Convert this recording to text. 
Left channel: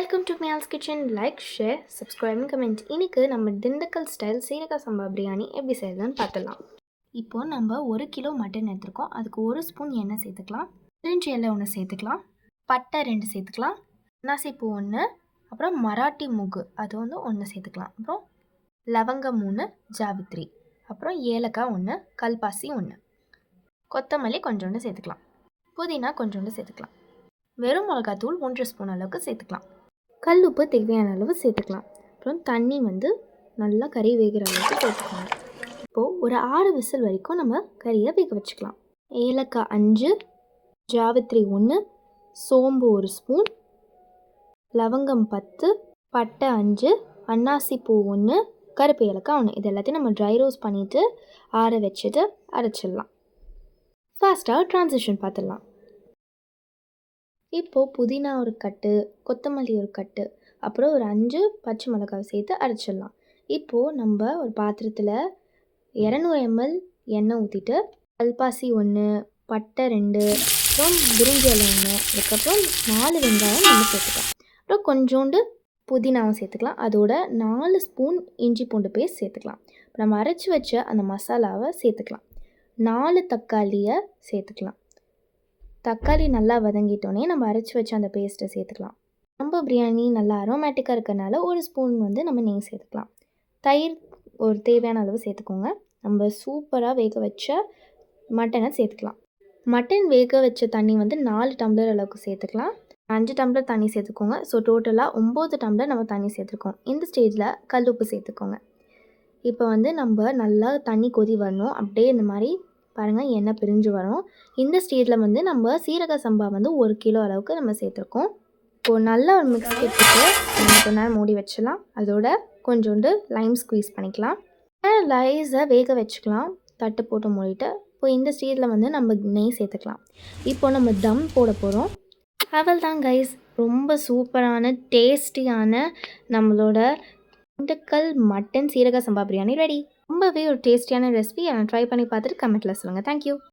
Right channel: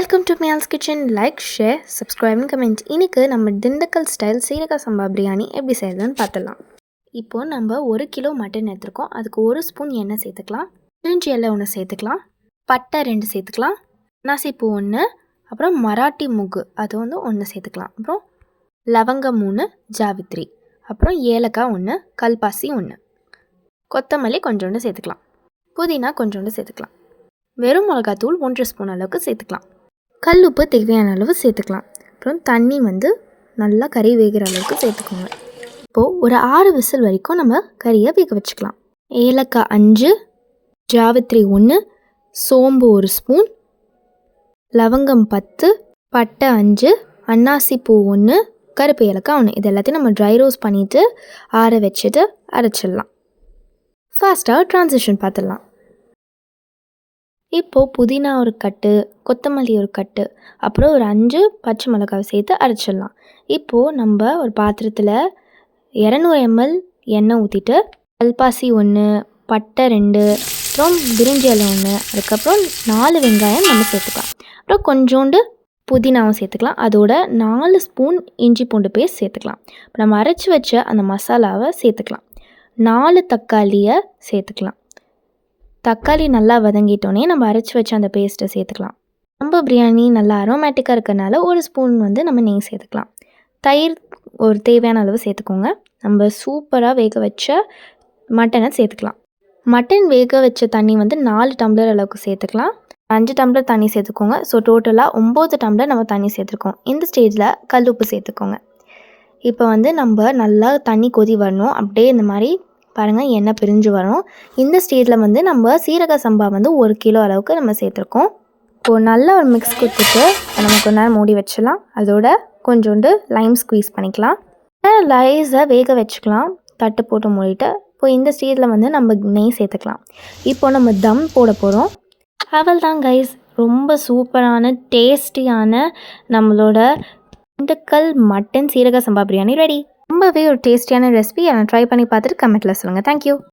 Welcome to மியால்ஸ் kitchen. Like, share, subscribe, comment. இன்றைக்கி நம்ம திண்டுக்கல் ஸ்டைல் சீரக சம்பா பிரியாணி எப்படி செய்யறதுன்னு பார்த்துடலாம். இப்போது நம்ம 1 கிலோ மட்டன் எடுத்துருக்கோம். அதுக்கு 1 ஸ்பூன் எண்ணெய் சேர்த்துக்கலாம், பிரிஞ்சி இலை 1 சேர்த்துக்கலாம், பட்டை 2 சேர்த்துக்கலாம், அன்னாசிப்பூ 1, அப்புறம் மராட்டி மூக்கு அது 1 சேர்த்துக்கலாம், அப்புறம் லவங்கம் 3, ஜாவித்ரி, அப்புறம் ஏலக்காய் 1, கல்பாசி 1, கொத்தமல்லி கொஞ்சோண்டு சேர்த்துக்கலாம், புதினா கொஞ்சோண்டு சேர்த்துக்கலாம், வெறும் மிளகாத்தூள் 1 ஸ்பூன் அளவுக்கு சேர்த்துக்கலாம், கல் உப்பு தேவையான அளவு சேர்த்துக்கலாம், அப்புறம் தண்ணி நல்லா கறி வேகிற அளவுக்கு சேர்த்துக்கோங்க. இப்போது ஒரு 6 விசில் வரைக்கும் நம்ம கறியை வேக வச்சுக்கலாம். ஏலக்காய் 5, ஜாவித்ரி 1, சோம்பு 1 ஸ்பூன், லவங்கம் 10, பட்டை 5, அன்னாசிப்பூ 1, கருப்பு ஏலக்காய் 1, இது எல்லாத்தையும் நம்ம ட்ரை ரோஸ்ட் பண்ணிவிட்டு ஆற வச்சுட்டு அரைச்சிடலாம். ஃபாஸ்ட்டாக ட்ரான்சிஷன் பார்த்துடலாம். இப்போது புதினா ஒரு கட்டு, கொத்தமல்லி ஒரு கட்டு, அப்புறம் ஒரு 5 பச்சை மிளகாய் சேர்த்து அரைச்சிடலாம். இப்போது நம்ம ஒரு பாத்திரத்தில் 200 ml எண்ணெய் ஊற்றிட்டு கல்பாசி 1, பட்டை 2, அப்புறம் பிரிஞ்சி இலை 1, அதுக்கப்புறம் 4 வெங்காயம் நம்ம சேர்த்துக்கலாம், அப்புறம் கொஞ்சோண்டு புதினாவும் சேர்த்துக்கலாம், அதோட 4 ஸ்பூன் இஞ்சி பூண்டு பேஸ்ட் சேர்த்துக்கலாம். இப்போ நம்ம அரைச்சி வச்ச அந்த மசாலாவை சேர்த்துக்கலாம், 4 தக்காளியை சேர்த்துக்கலாம். தக்காளி நல்லா வதங்கிட்டோன்னே நம்ம அரைச்சி வச்ச அந்த பேஸ்ட்டை சேர்த்துக்கலாம். நம்ம பிரியாணி நல்லா அரோமேட்டிக்காக இருக்கிறனால 1 ஸ்பூன் நம்ம நெய் சேர்த்துக்கலாம். தயிர் ஒரு தேவையான அளவு சேர்த்துக்கோங்க. நம்ம சூப்பராக வேக வச்ச மட்டனை சேர்த்துக்கலாம். மட்டன் வேக வச்ச தண்ணி 4 டம்ளர் அளவுக்கு சேர்த்துக்கலாம். 5 டம்ளர் தண்ணி சேர்த்துக்கோங்க. ஸோ டோட்டலாக 9 டம்ளர் நம்ம தண்ணி சேர்த்துருக்கோம். இந்த ஸ்டேஜில் கல் உப்பு சேர்த்துக்கோங்க. இப்போ நம்ம நல்லா தண்ணி கொதி வரணும். அப்படியே இந்த மாதிரி பாருங்கள், எண்ணெய் பிரிஞ்சு வரும். இந்த ஸ்டேஜில் நம்ம சீரக சம்பா 1 கிலோ அளவுக்கு நம்ம சேர்த்துருக்கோம். இப்போது நல்லா ஒரு மிக்ஸ் கொடுத்துட்டு நம்ம கொஞ்ச நேரம் மூடி வச்சிடலாம். அதோட கொஞ்சோண்டு லைம் ஸ்குவீஸ் பண்ணிக்கலாம். லைஸை வேக வச்சுக்கலாம், தட்டு போட்டு மூடிட்டு. இப்போ இந்த ஸ்டேஜில் நம்ம நெய் சேர்த்துக்கலாம். இப்போது நம்ம தம் போட போகிறோம். அவள் தான் கைஸ், ரொம்ப சூப்பரான டேஸ்டியான நம்மளோட திண்டுக்கல் மட்டன் சீரக சம்பா பிரியாணி ரெடி. ரொம்பவே ஒரு டேஸ்டியான ரெசிபி. ட்ரை பண்ணி பார்த்துட்டு கமெண்ட்டில் சொல்லுங்கள். தேங்க்யூ.